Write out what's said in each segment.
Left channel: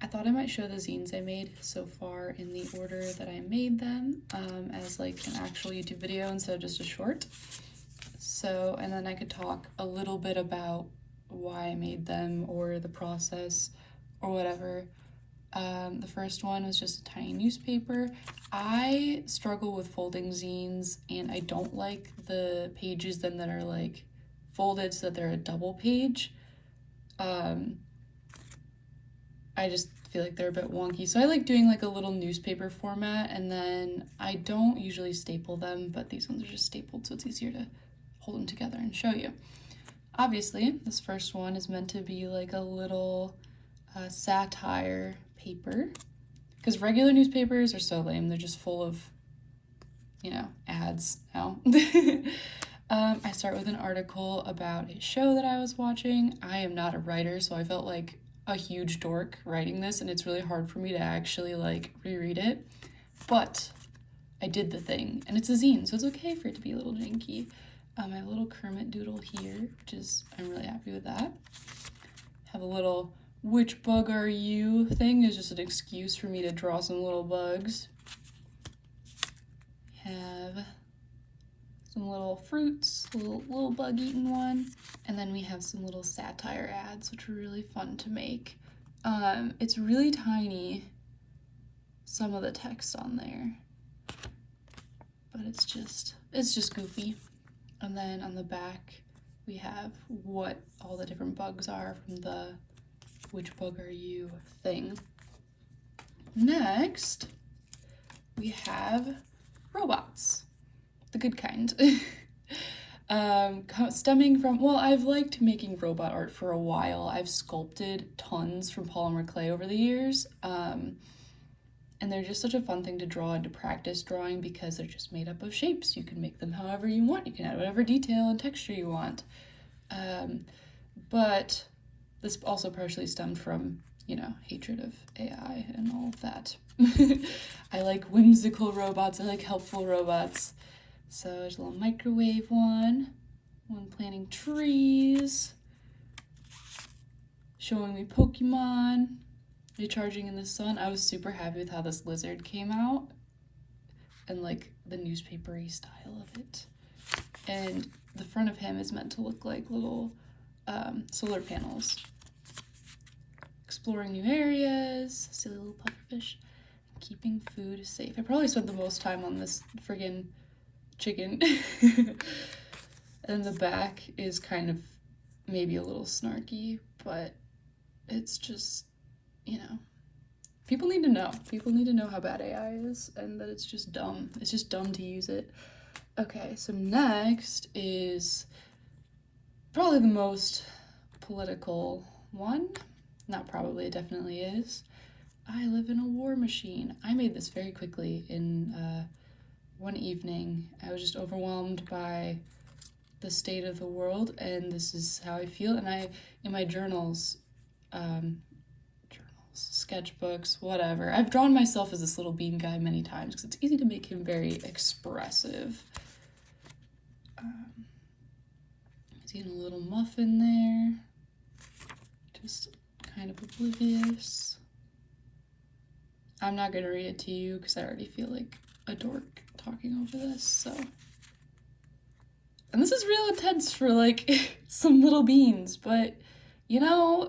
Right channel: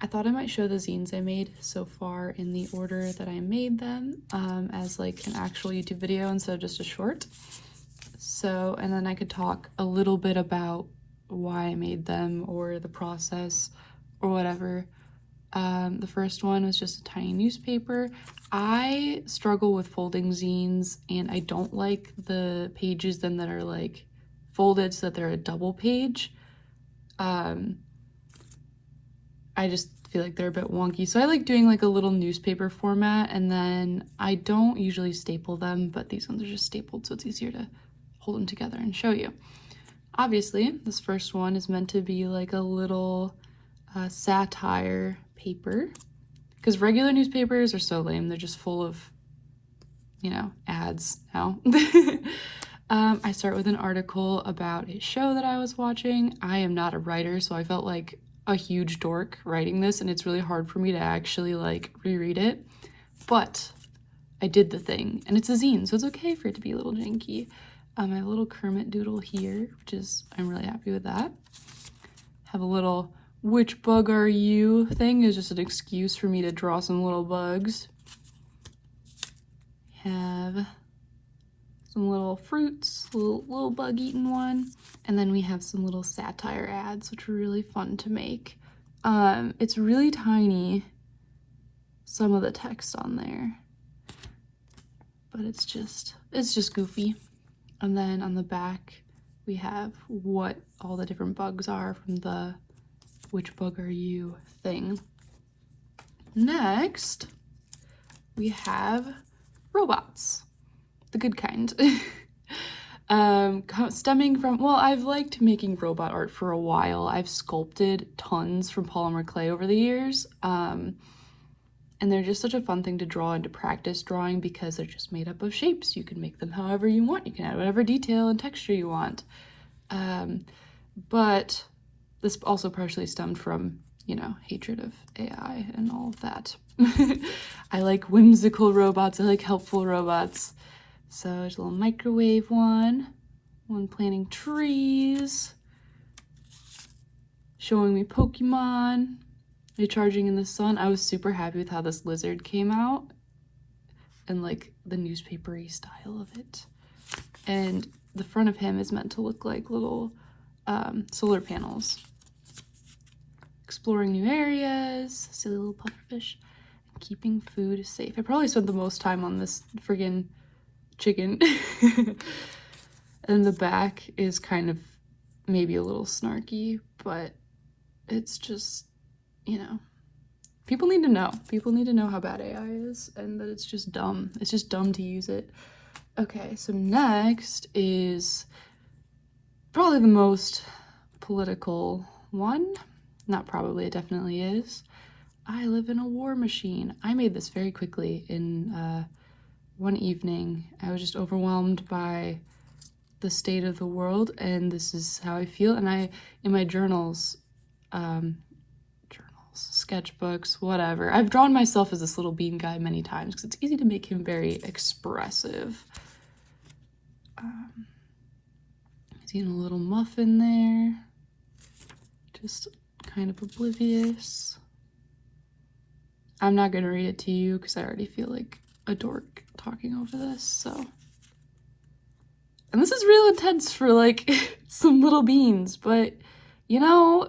I thought I might show the zines I made so far in the order that I made them, as like an actual YouTube video instead of just a short. So, and then I could talk a little bit about why I made them or the process or whatever. The first one was just a tiny newspaper. I struggle with folding zines, and I don't like the pages then that are like folded so that they're a double page. I just feel like they're a bit wonky. So I like doing like a little newspaper format, and then I don't usually staple them, but these ones are just stapled so it's easier to hold them together and show you. Obviously, this first one is meant to be like a little satire paper, because regular newspapers are so lame. They're just full of, you know, ads now. I start with an article about a show that I was watching. I am not a writer, so I felt like a huge dork writing this, and it's really hard for me to actually like reread it, but I did the thing, and it's a zine, so it's okay for it to be a little janky. I have a little Kermit doodle here, which is, I'm really happy with that. Have a little which bug are you thing, is just an excuse for me to draw some little bugs. Have some little fruits, little bug eating one, and then we have some little satire ads, which were really fun to make. It's really tiny, some of the text on there, but it's just goofy. And then on the back we have what all the different bugs are from the which bug are you thing. Next we have robots, the good kind. Stemming from, well, I've liked making robot art for a while. I've sculpted tons from polymer clay over the years, and they're just such a fun thing to draw and to practice drawing because they're just made up of shapes. You can make them however you want. You can add whatever detail and texture you want. But this also partially stemmed from, you know, hatred of AI and all of that. I like whimsical robots. I like helpful robots. So there's a little microwave one planting trees, showing me Pokemon, recharging in the sun. I was super happy with how this lizard came out and like the newspapery style of it. And the front of him is meant to look like little solar panels. Exploring new areas, silly little pufferfish, and keeping food safe. I probably spent the most time on this friggin' chicken. And the back is kind of maybe a little snarky, but it's just, you know, people need to know. People need to know how bad AI is and that it's just dumb. It's just dumb to use it. Okay, so next is probably the most political one. Not probably, it definitely is. I live in a war machine. I made this very quickly in one evening. I was just overwhelmed by the state of the world, and this is how I feel. And I, in my journals, sketchbooks, whatever, I've drawn myself as this little bean guy many times because it's easy to make him very expressive. He's eating a little muffin there, just kind of oblivious. I'm not gonna read it to you because I already feel like a dork talking over this, so. And this is real intense for like some little beans, but you know,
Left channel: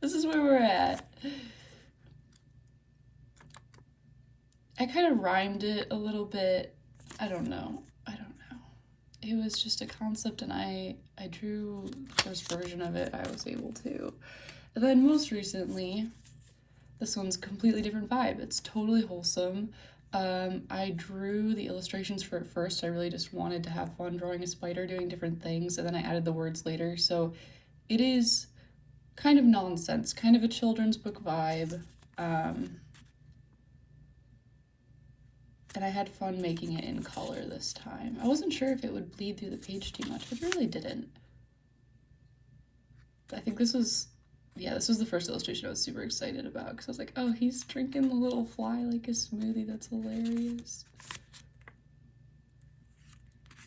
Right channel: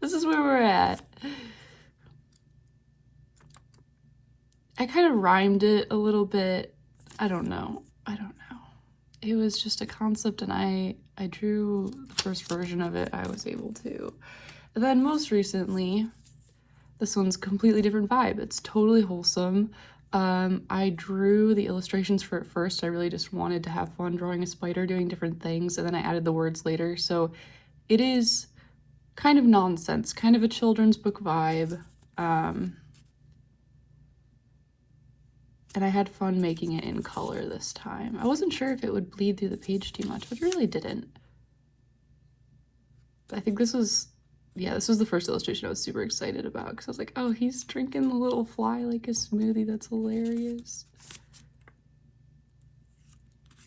this is where we're at. I kind of rhymed it a little bit. I don't know. It was just a concept, and I drew the first version of it I was able to. And then most recently, this one's a completely different vibe. It's totally wholesome. I drew the illustrations for it first. I really just wanted to have fun drawing a spider doing different things, and then I added the words later. So it is kind of nonsense, kind of a children's book vibe. And I had fun making it in color this time. I wasn't sure if it would bleed through the page too much, but it really didn't. I think this was the first illustration I was super excited about because I was like, oh, he's drinking the little fly like a smoothie. That's hilarious.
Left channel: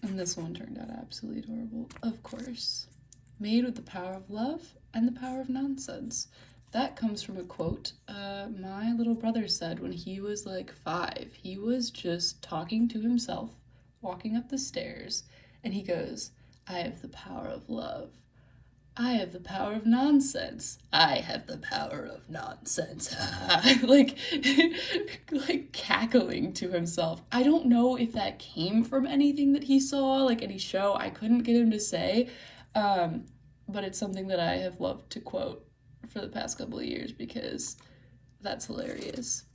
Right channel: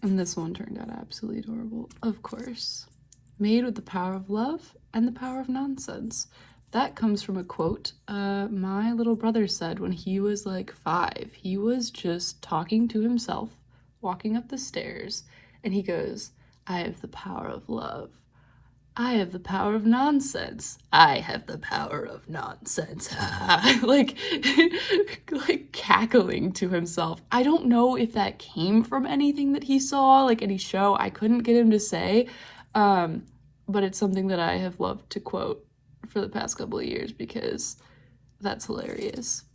And this one turned out absolutely adorable, of course. Made with the power of love and the power of nonsense. that comes from a quote my little brother said when he was like 5. He was just talking to himself, walking up the stairs, and he goes, "I have the power of love. I have the power of nonsense. I have the power of nonsense." like, like cackling to himself. I don't know if that came from anything that he saw, like any show. I couldn't get him to say, but it's something that I have loved to quote for the past couple of years because that's hilarious.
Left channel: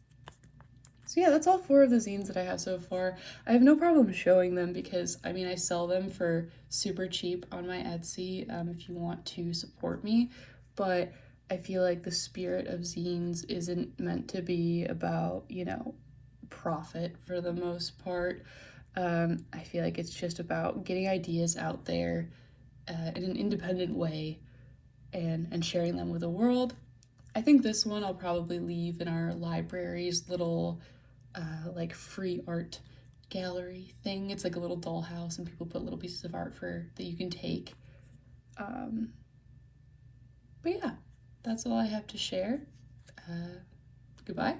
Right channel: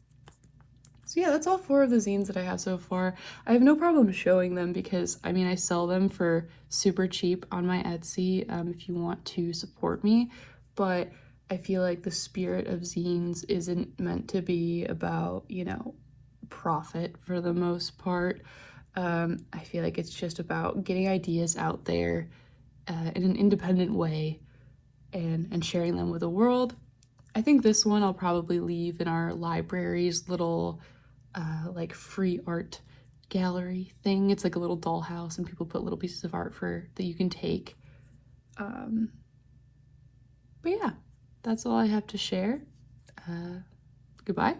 So yeah, that's all 4 of the zines that I have so far. I have no problem showing them because, I mean, I sell them for super cheap on my Etsy if you want to support me, but I feel like the spirit of zines isn't meant to be about, you know, profit for the most part. I feel like it's just about getting ideas out there in an independent way and sharing them with the world. I think this one I'll probably leave in our library's little like free art gallery thing. It's like a little dollhouse and people put little pieces of art that you can take. But yeah, that's all I have to share. Goodbye.